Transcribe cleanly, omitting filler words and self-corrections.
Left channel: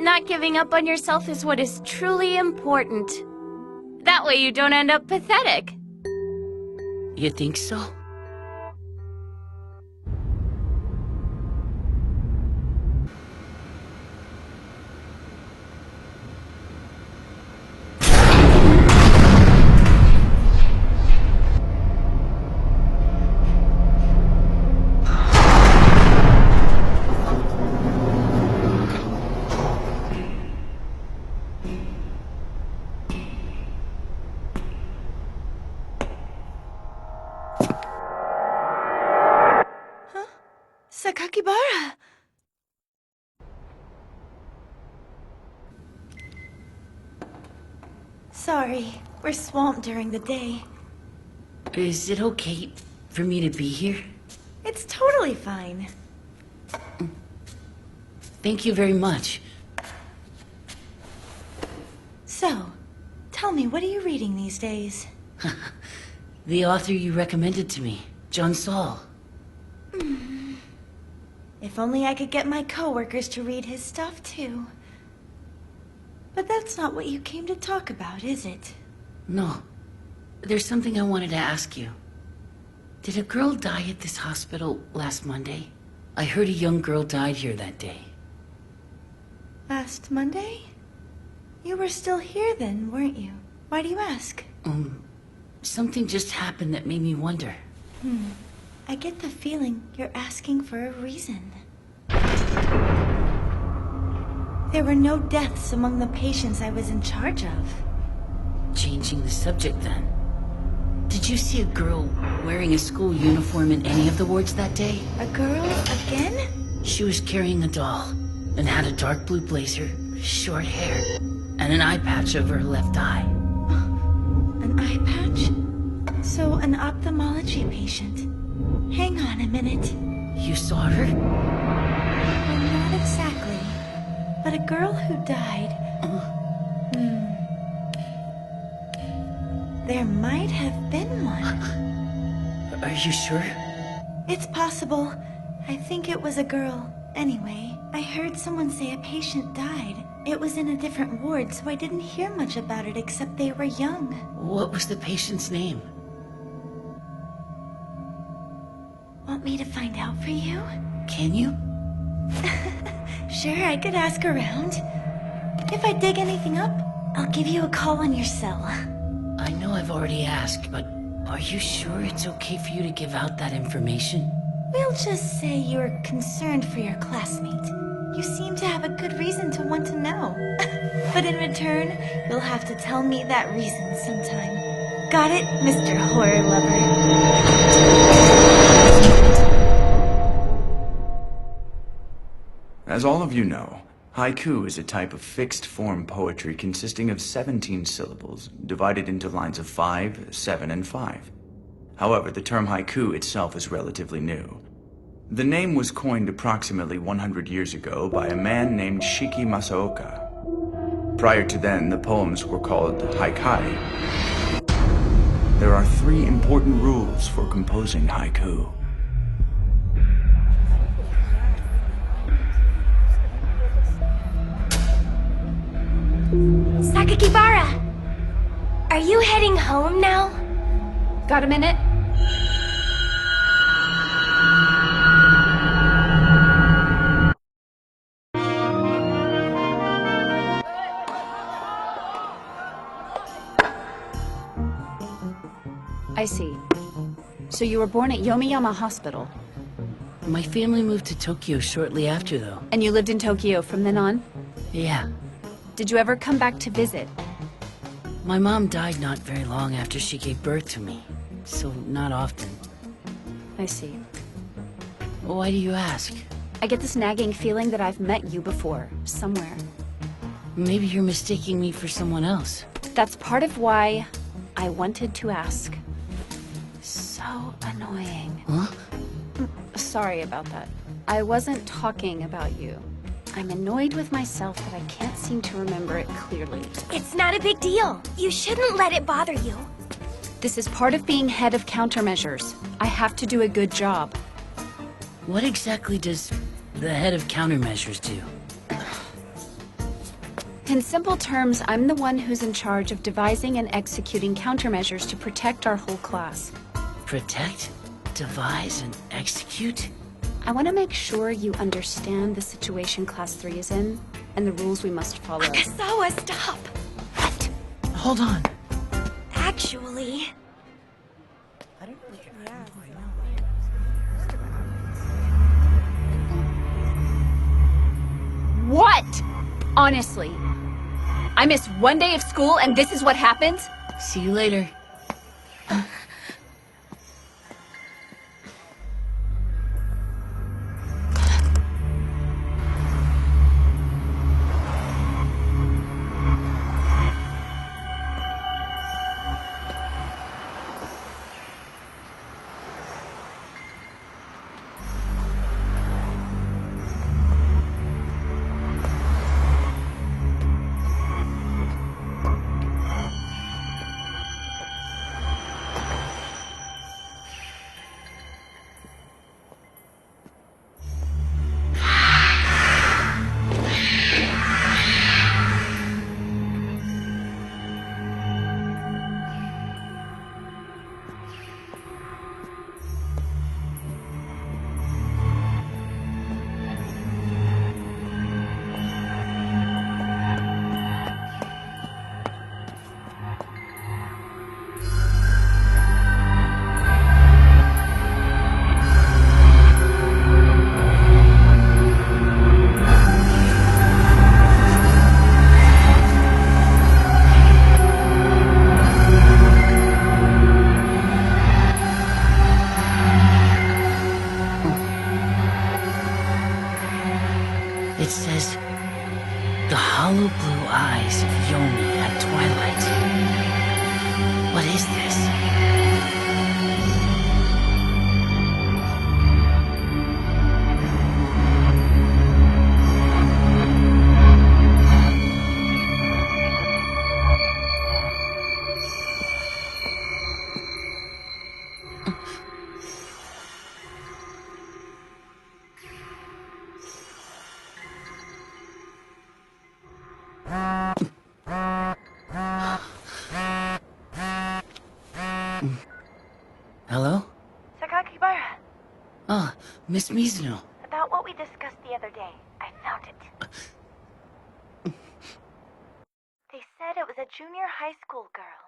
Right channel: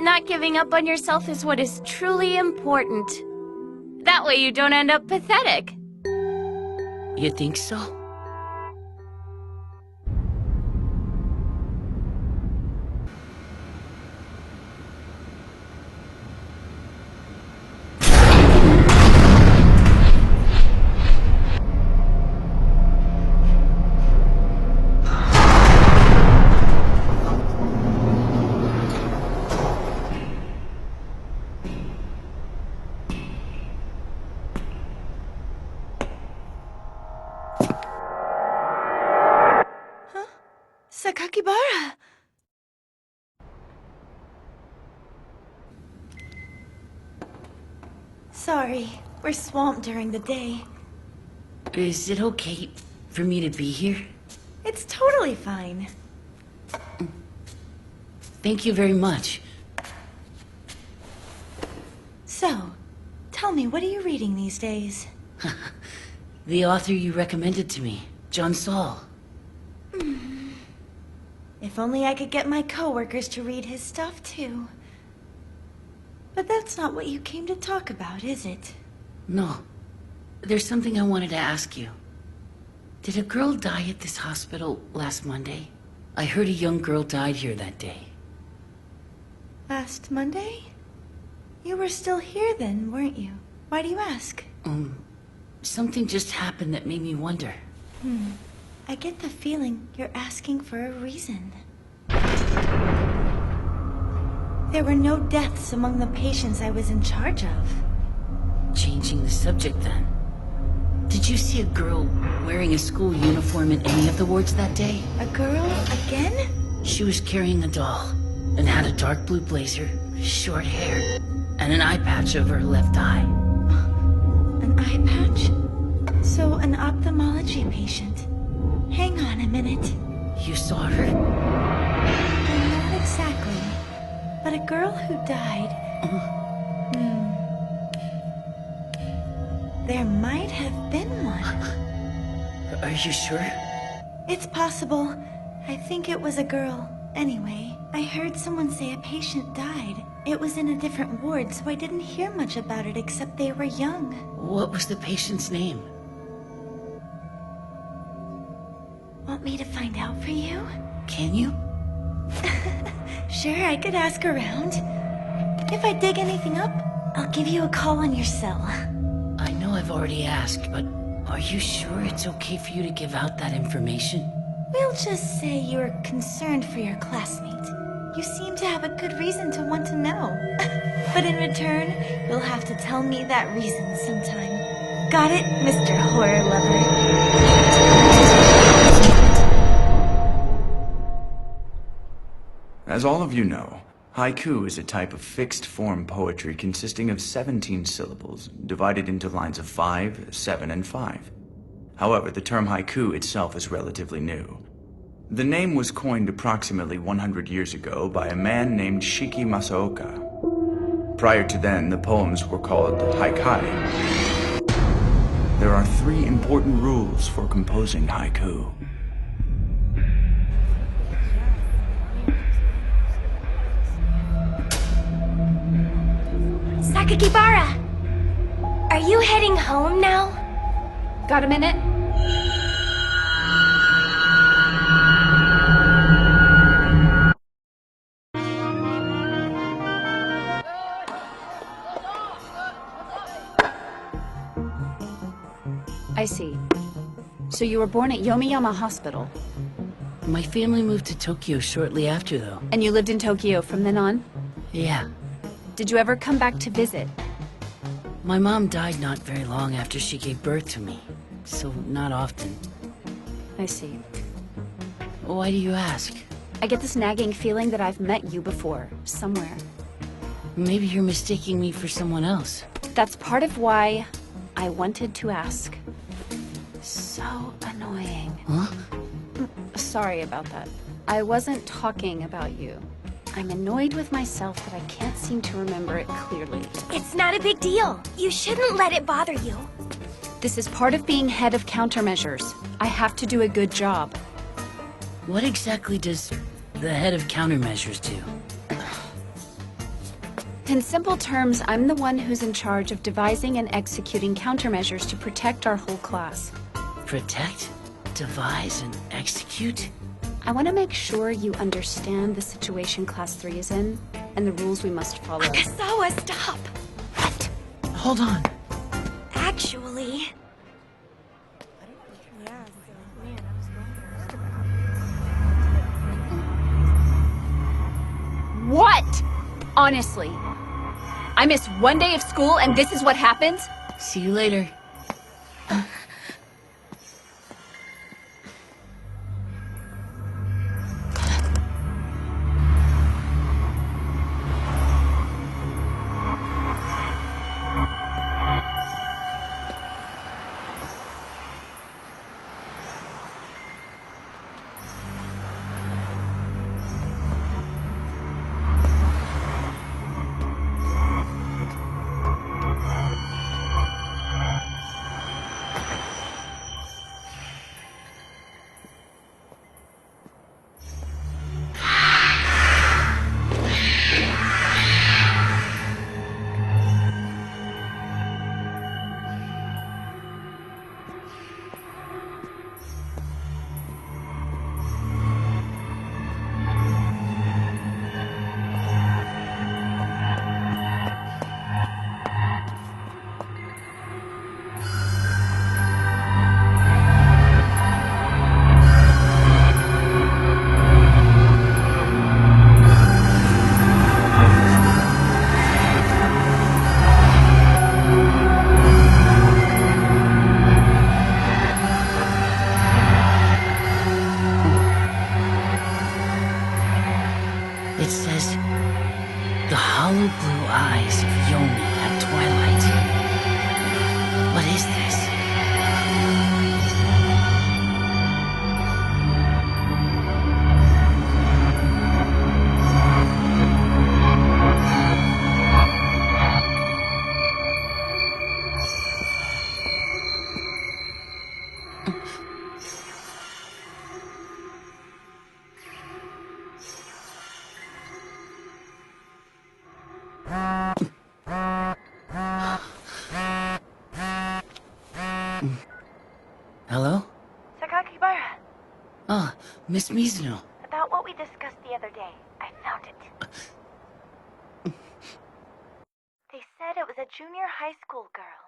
Not giving up on yourself is what is truly important. That way you don't end up pathetic. You think so? Sakakibara! Sorry, we're swamped during the day. Is it okay for me to be here? It's totally fine. Thank you very much. So, tell me, what are you reading these days? The author you recommended to me, John Saul. If only I could get my coworkers to read his stuff too. But that's not what you came to talk about, is it? No. There's something I wanted to ask you. Did a girl die at this hospital last Monday? I heard a young girl died here that day. Last Monday? You were still here then, weren't you? Why do you ask? Something just happened that made me wonder. I get the feeling you're asking for a reason. There were no deaths among the patients I was in charge of. Changing the subject then. Did you see a girl wearing a school uniform in any of the wards that day? A girl again? She was carrying a doll and had a dark blue blazer, short hair, and an eye patch over her left eye. An eye patch? So an ophthalmology patient. Hang on a minute. You saw her? Well, not exactly. But a girl who died... There might have been one. Are you sure? It's possible. I think it was a girl. Anyway, I heard someone say a patient died. It was in a different ward, so I didn't hear much about it except they were young. What was the patient's name? Want me to find out for you? Can you? Sure, I could ask around. If I dig anything up, I'll give you a call on your cell. I know I've already asked, but are you sure it's okay for you to give out that information? We'll just say you're concerned for your classmate. You seem to have a good reason to want to know. But in return, you'll have to tell me that reason sometime. Got it, Mr. Horror Lover? As all of you know, haiku is a type of fixed-form poetry consisting of 17 syllables, divided into lines of 5, 7, and 5. However, the term haiku itself is relatively new. The name was coined approximately 100 years ago by a man named Shiki Masaoka. Prior to then, the poems were called haikai. There are 3 important rules for composing haiku. Sakakibara! Are you heading home now? Got a minute? I see. So you were born at Yomiyama Hospital. My family moved to Tokyo shortly after, though. And you lived in Tokyo from then on? Yeah. Did you ever come back to visit? My mom died not very long after she gave birth to me, so not often. I see. Why do you ask? I get this nagging feeling that I've met you before, somewhere. Maybe you're mistaking me for someone else. That's part of why I wanted to ask. So annoying. Huh? Sorry about that. I wasn't talking about you. I'm annoyed with myself that I can't seem to remember it clearly. It's not a big deal. You shouldn't let it bother you. This is part of being head of countermeasures. I have to do a good job. What exactly does the head of countermeasures do? In simple terms, I'm the one who's in charge of devising and executing countermeasures to protect our whole class. Protect, devise, and execute? I want to make sure you understand the situation Class 3 is in, and the rules we must follow. Akasawa, stop! What? Hold on. Actually... What? Honestly. I miss one day of school and this is what happens? See you later. It says, the hollow blue eyes of Yomi at twilight. What is this? Hello? Sakakibara, Oh, Miss Mizuno. about what we discussed the other day, I found it. They said it was a junior high school girl.